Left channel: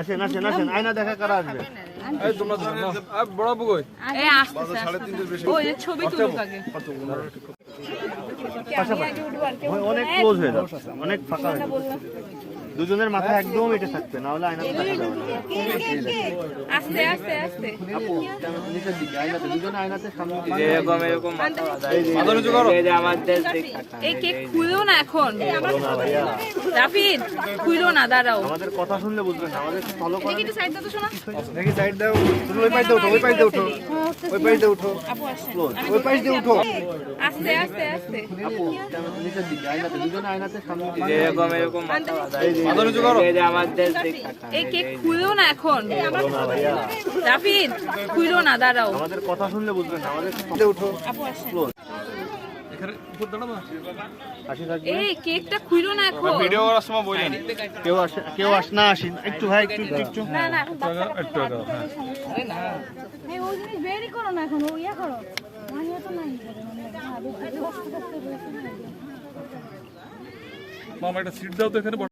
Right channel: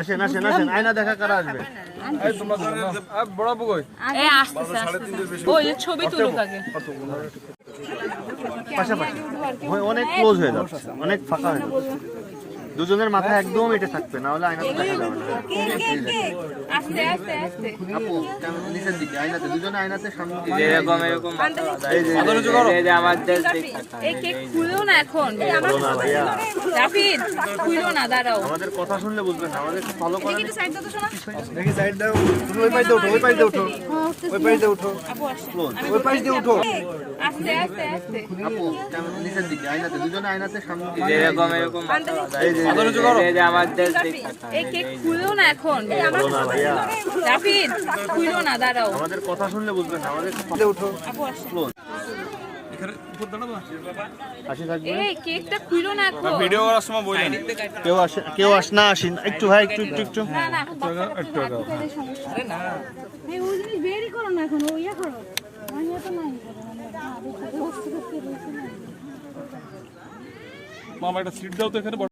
আসেন আসেন আসেন, আয়না দেখা কারা আসবে? এই তোমরা বড় বুগই এই আসছে 3:30 বেশি ওই ছবি তুলুক আগে পাশাপাশি অনেক ক্লোজ হয়ে যাচ্ছে, অনেক ফাঁকা হয়ে যাচ্ছে। দুজনের মাথা একদম এটে থাকবে, না হলে আয়নাতে দেখা যাবে না। আস্তে আস্তে আস্তে নিচের দিকে আয়নাতে, দুজনে আয়নাতে সামনে এরকম এরকম মাথা নিচু করো। এই যে আমাদের এই কেক খুলো না এখন রাফিদ, খুলো না, দাঁড়াও। আমাদের কথা শুনলে বুঝবেন না, আমাদের ফলো করেন। দেখি সাইড দাও, তুমি ওই পাশে উঠো, ওই পাশে উঠো, ওই পাশে উঠো, ওই পাশে উঠো। আস্তে আস্তে আস্তে নিচের দিকে আয়নাতে, দুজনে আয়নাতে সামনে এরকম এরকম মাথা নিচু করো। এই যে আমাদের এই কেক খুলো না এখন রাফিদ, খুলো না, দাঁড়াও। আমাদের কথা শুনলে বুঝবেন না, আমাদের উঠো। হাসি থাকবে। এই কেকটা খুলো না এখন। ভিডিও করার সময় বললেন কেউ আস না আসেন, একটু ভাই একটু একটু একটু একটু আগাও। হ্যাঁ এই ওই জিনিস বেরই করো না এখন, ওইয়া করো ওইয়া তো নাই মামা একটা সিট দাও তো এখানে।